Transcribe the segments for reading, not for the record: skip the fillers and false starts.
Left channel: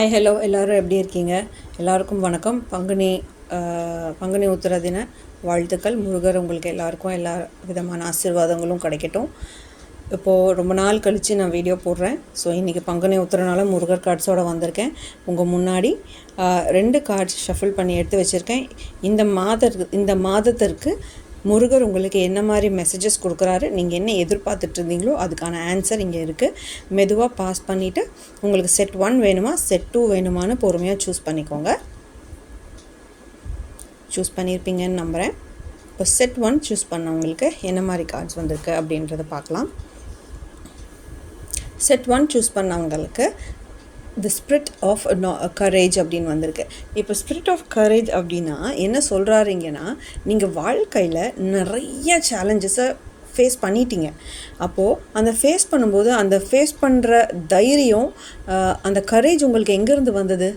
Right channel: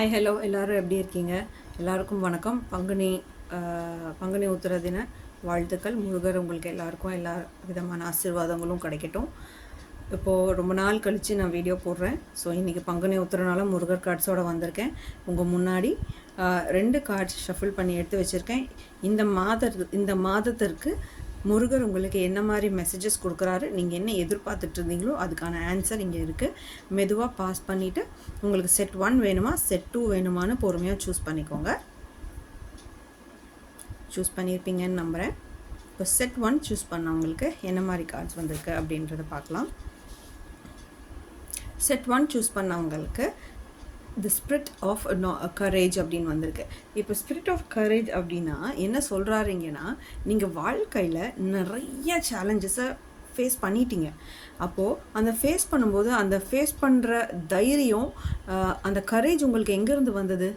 Hi hello எல்லோரும் எப்படி இருக்கீங்க? எல்லாருக்கும் வணக்கம். பங்குனி உத்திர தின வாழ்த்துக்கள். முருகர் உங்களுக்கு எல்லாருக்கும் எல்லா விதமான ஆசீர்வாதங்களும் கிடைக்கட்டும். இப்போது ரொம்ப நாள் கழித்து நான் வீடியோ போடுறேன். ஸோ இன்றைக்கி பங்குனி உத்திரனால முருகர் கார்ட்ஸோடு வந்திருக்கேன். உங்கள் முன்னாடி 2 கார்ட்ஸ் ஷஃபில் பண்ணி எடுத்து வச்சுருக்கேன். இந்த மாதத்திற்கு முருகர் உங்களுக்கு என்ன மாதிரி மெசேஜஸ் கொடுக்குறாரு, நீங்கள் என்ன எதிர்பார்த்துட்டு இருந்தீங்களோ அதுக்கான ஆன்சர் இங்கே இருக்குது. மெதுவாக பாஸ் பண்ணிவிட்டு உங்களுக்கு செட் 1 வேணுமா செட் 2 வேணுமான்னு பொறுமையாக சூஸ் பண்ணிக்கோங்க. சூஸ் பண்ணியிருப்பீங்கன்னு நம்புகிறேன். இப்போ செட் 1 சூஸ் பண்ணவங்களுக்கு என்ன மாதிரி கார்ட்ஸ் வந்திருக்கு அப்படின்றத பார்க்கலாம். செட் 1 சூஸ் பண்ணவங்களுக்கு தி ஸ்பிரிட் ஆஃப் கரேஜ் அப்படின்னு வந்திருக்கு. இப்போ ஸ்பிரிட் ஆஃப் கரேஜ் அப்படின்னா என்ன சொல்கிறாருங்கன்னா, நீங்கள் வாழ்க்கையில் நிறைய சேலஞ்சஸை ஃபேஸ் பண்ணிட்டீங்க. அப்போது அந்த ஃபேஸ் பண்ணும்போது அந்த ஃபேஸ் பண்ணுற தைரியம், அந்த கரேஜ் உங்களுக்கு எங்கேருந்து வந்தது,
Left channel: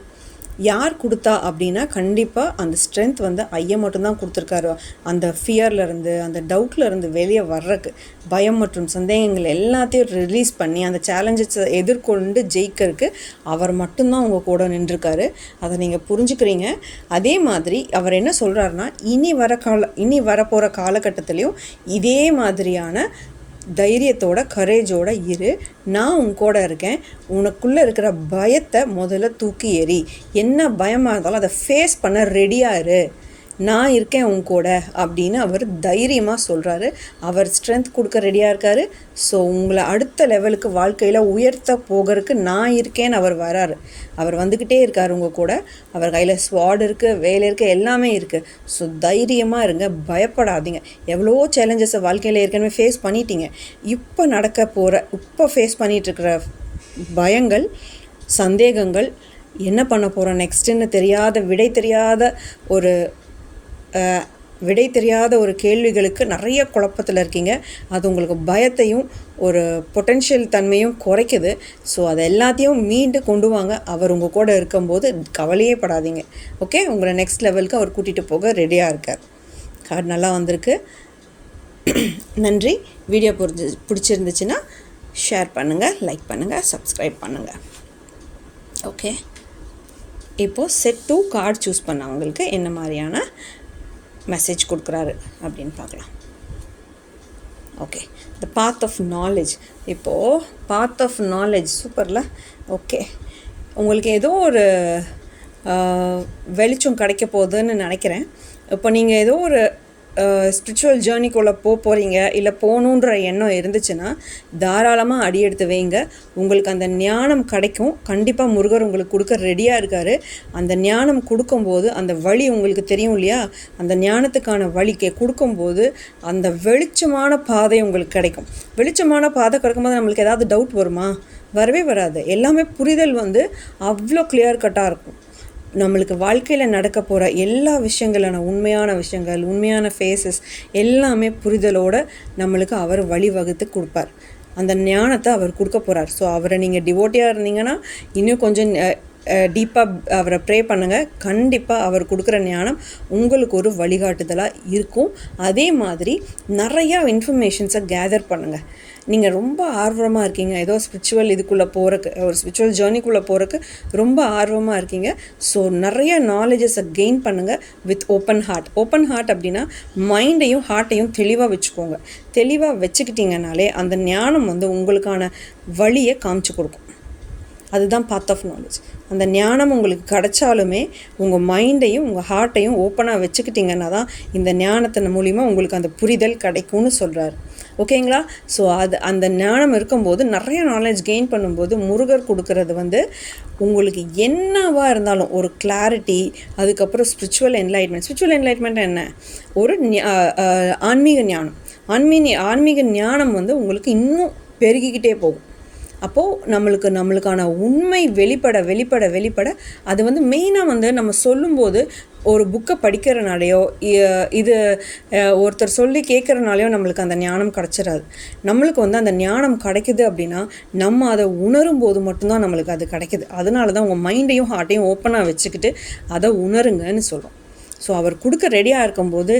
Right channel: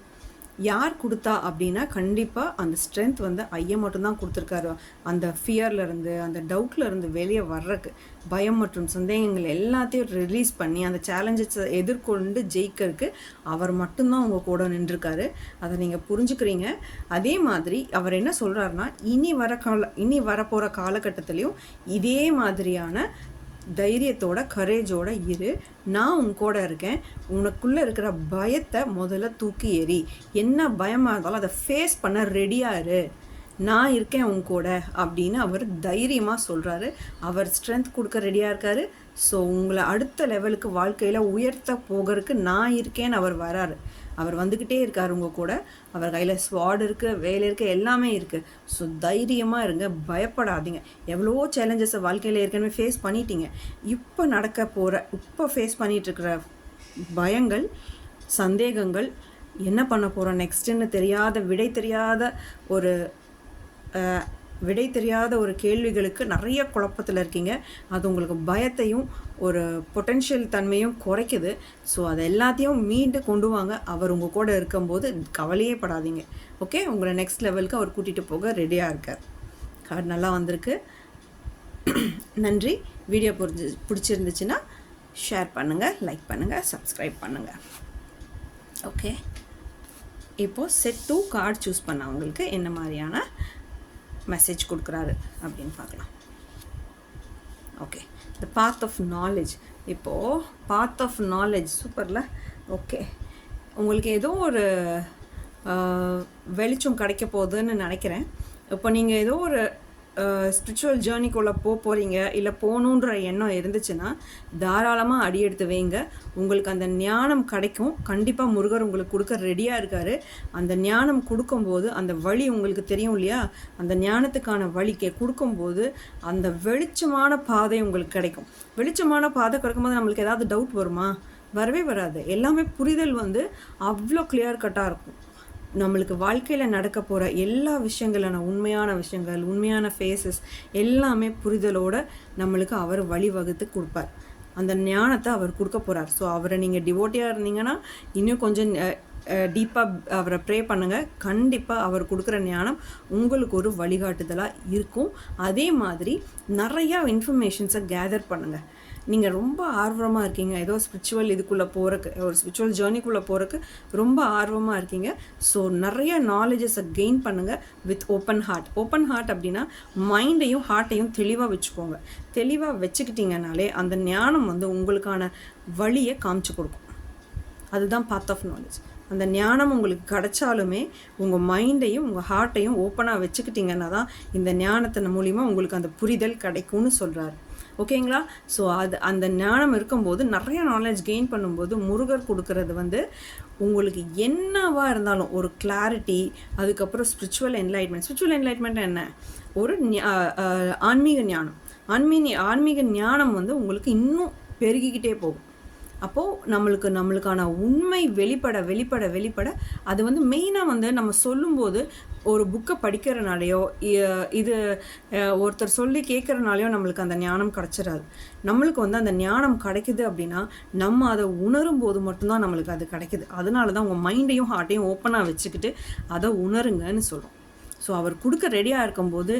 யார் கொடுத்தா அப்படின்னா கண்டிப்பாக அந்த ஸ்ட்ரென்த் வந்து ஐயா மட்டும்தான் கொடுத்துருக்காரு. அந்த ஃபியர்லேருந்து அந்த டவுட்லேருந்து வெளியே வர்றதுக்கு, பயம் மற்றும் சந்தேகங்கள் எல்லாத்தையும் ரிலீஸ் பண்ணி அந்த சேலஞ்சஸை எதிர்கொண்டு ஜெயிக்கிறதுக்கு அவர் மட்டும்தான் உங்கள் கூட நின்றுருக்காரு. அதை நீங்கள் புரிஞ்சுக்கிறீங்க. அதே மாதிரி அவர் என்ன சொல்கிறாருன்னா, இனி வரப்போகிற காலகட்டத்திலையும் இதே மாதிரியான தைரியத்தோட கரேஜோட இரு, நான் உன் கூட இருக்கேன், உனக்குள்ளே இருக்கிற பயத்தை முதல்ல தூக்கி எறி, என்ன பயமாக இருந்தாலும் அதை ஃபேஸ் பண்ண ரெடியாக இரு, நான் இருக்கேன் உன் கூட அப்படின்னு அவர் தைரியமாக சொல்கிறாரு. அவர் ஸ்ட்ரென்த் கொடுக்க ரெடியாக இருக்கார். ஸோ உங்களை அடுத்த லெவலுக்கு வாழ்க்கையில் உயர்த்த போகிறதுக்கு நான் இருக்கேன்னு அவர் வராரு. அவர் வந்துக்கிட்டே இருக்கார் உங்கள் கூட. அவர் கையில் ஸ்வாட் இருக்குது, வேலை இருக்குது, எல்லாமே இருக்குது. ஸோ தைரியமாக இருங்க, பயப்படாதீங்க. எவ்வளோ சேலஞ்சஸை வாழ்க்கையில் ஏற்கனவே ஃபேஸ் பண்ணிட்டீங்க. இப்போ ஃபேஸ் பண்ணிகிட்ருக்கிற பயங்கள், சந்தேகங்கள், என்ன பண்ண போகிறோம் நெக்ஸ்ட்டுன்னு விடை தெரியாத ஒரு கேள்விகளுக்கு நிறைய குழப்பத்தில் இருக்கீங்க. அது உங்களுக்கு பயத்தையும் ஒரு பொட்டென்ஷியல் தன்மையும் குறைக்குது. ஸோ அதை எல்லாத்தையும் மீண்டு கொண்டு வாங்க. அவர் உங்கள் கூட இருக்கும்போது கவலையே படாதீங்க. ஓகே, உங்களை நெக்ஸ்ட் லெவலுக்கு அவர் கூட்டிகிட்டு போக ரெடியாக இருக்கார். கார்டு நல்லா வந்திருக்கு. நன்றி. வீடியோ பிடிச்சிருந்துச்சுன்னா ஷேர் பண்ணுங்கள், லைக் பண்ணுங்கள், சப்ஸ்கிரைப் பண்ணுங்கள். ஓகே, இப்போது செட் 2 கார்டு சூஸ் பண்ணவங்களுக்கு என்ன மாதிரியான மெசேஜ் கொடுக்குறாரு அப்படின்னு பார்க்கலாம். Okay, the path of knowledge. இப்போது பாத் ஆஃப் நாலேஜ் சூப்பரில். ஓகே, உங்களுக்கு ஏதோ ஒரு வெளிச்சம் கிடைக்க போகுதுன்னு நினைக்கிறேன். இப்போ நீங்கள் ஏதோ ஒரு ஸ்பிரிச்சுவல் ஜேர்னிக்குள்ளே போகிறீங்க, இல்லை போகணுன்ற எண்ணம் இருந்துச்சுன்னா தாராளமாக அடி எடுத்து வைங்க. உங்களுக்கு அந்த ஞானம் கிடைக்கும். கண்டிப்பாக முருகர் உங்களுக்கு கொடுக்க ரெடியாக இருக்கார். அந்த ஞானம் கொடுக்கும்போது அந்த வழி உங்களுக்கு தெரியும் இல்லையா, அந்த ஞானத்துக்கான வழி கொடுக்கும்போது அந்த வெளிச்சமான பாதை உங்களுக்கு கிடைக்கும். வெளிச்சமான பாதை கிடைக்கும்போது நம்மளுக்கு ஏதாவது டவுட் வருமா? வரவே வராது. எல்லாமே புரிதல் வந்து அவ்வளோ கிளியர் கட்டாக இருக்கும். நம்மளுக்கு வாழ்க்கையில் நடக்க போகிற எல்லா விஷயங்களான உண்மையான விஷயங்கள், உண்மையான ஃபேஸஸ் எல்லாமே புரிதலோடு நம்மளுக்கு அவர் வழிவகுத்து கொடுப்பார். அந்த ஞானத்தை அவர் கொடுக்க போகிறார். ஸோ அவரை நீங்கள் டிவோட்டியாக இருந்தீங்கன்னா இன்னும் கொஞ்சம் டீப்பாக அவரை ப்ரே பண்ணுங்கள். கண்டிப்பாக அவர் கொடுக்குற ஞானம் உங்களுக்கு ஒரு வழிகாட்டுதலாக இருக்கும். அதே மாதிரி நிறையா இன்ஃபர்மேஷன்ஸை கேதர் பண்ணுங்கள். நீங்கள் ரொம்ப ஆர்வமாக இருக்கீங்க, ஏதோ ஸ்பிரிச்சுவல் இதுக்குள்ளே போகிறக்கு, ஒரு ஸ்பிரிச்சுவல் ஜேர்னிக்குள்ளே போகிறக்கு ரொம்ப ஆர்வமாக இருக்கீங்க. ஸோ நிறைய நாலேஜஸை கெயின் பண்ணுங்கள் with open heart. Open heart அப்படின்னா மைண்டையும் ஹார்ட்டையும் தெளிவாக வச்சுக்கோங்க. தெளிவாக வச்சுக்கிட்டிங்கனாலே அந்த ஞானம் வந்து உங்களுக்கான வழியை காமிச்சு கொடுக்கும். அதுதான் பாத் ஆஃப் நாலேஜ். அந்த ஞானம் உங்களுக்கு கிடைச்சாலுமே உங்கள் மைண்டையும் உங்கள் ஹார்ட்டையும் ஓப்பனாக வச்சுக்கிட்டிங்கன்னா தான் இந்த ஞானத்தின் மூலிமா உங்களுக்கு அந்த புரிதல் கிடைக்கும்னு சொல்கிறார். ஓகேங்களா? ஸோ அந்த ஞானம் இருக்கும்போது நிறைய நாலேஜ் கெயின் பண்ணும்போது முருகர் கொடுக்கறது வந்து உங்களுக்கு என்னவாக இருந்தாலும் ஒரு கிளாரிட்டி, அதுக்கப்புறம் ஸ்பிரிச்சுவல் என்லைட்மெண்ட் என்ன, ஒரு ஆன்மீக ஞானம். ஆன்மீக ஞானம் வந்து உங்களுக்கு இன்னும் பெருகிக்கிட்டே போகும். அப்போது நம்மளுக்கான உண்மை வெளிப்பட அது வந்து மெயினாக வந்து நம்ம சொல்லும்போது ஒரு புக்கை படிக்கிறனாலையோ இது ஒருத்தர் சொல்லி கேட்குறனாலையோ நம்மளுக்கு அந்த ஞானம் கிடச்சிடாது. நம்மளுக்கு வந்து அந்த ஞானம் கிடைக்குது அப்படின்னா நம்ம அதை உணரும் போது மட்டும்தான் நம்மளுக்கு அது கிடைக்குது. அதனால தான் உங்கள் மைண்டையும் ஹார்ட்டையும் ஓப்பனாக வச்சுக்கிட்டு அதை உணருங்கன்னு சொல்கிறோம். ஸோ அவர் கொடுக்க ரெடியாக இருக்கும்போது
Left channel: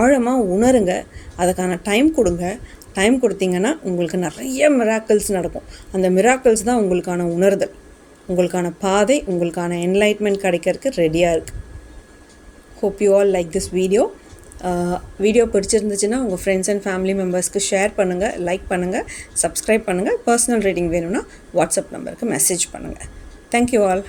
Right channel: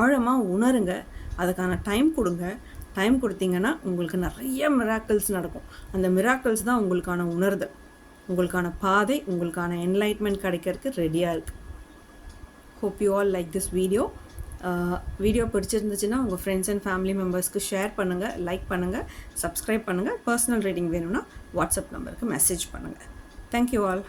ஆழமாக உணருங்க. அதுக்கான டைம் கொடுங்க. டைம் கொடுத்தீங்கன்னா உங்களுக்கு நிறைய மிராக்கிள்ஸ் நடக்கும். அந்த மிராக்கிள்ஸ் தான் உங்களுக்கான உணர்தல். உங்களுக்கான பாதை, உங்களுக்கான என்லைட்மெண்ட் கிடைக்கிறதுக்கு ரெடியாக இருக்குது. Hope you all like this video. Video பிடிச்சிருந்துச்சுன்னா உங்கள் ஃப்ரெண்ட்ஸ் அண்ட் ஃபேமிலி மெம்பர்ஸ்க்கு ஷேர் பண்ணுங்கள், லைக் பண்ணுங்கள், சப்ஸ்கிரைப் பண்ணுங்கள். பர்சனல் ரீடிங் வேணும்னா வாட்ஸ்அப் நம்பருக்கு மெசேஜ் பண்ணுங்கள். Thank you all.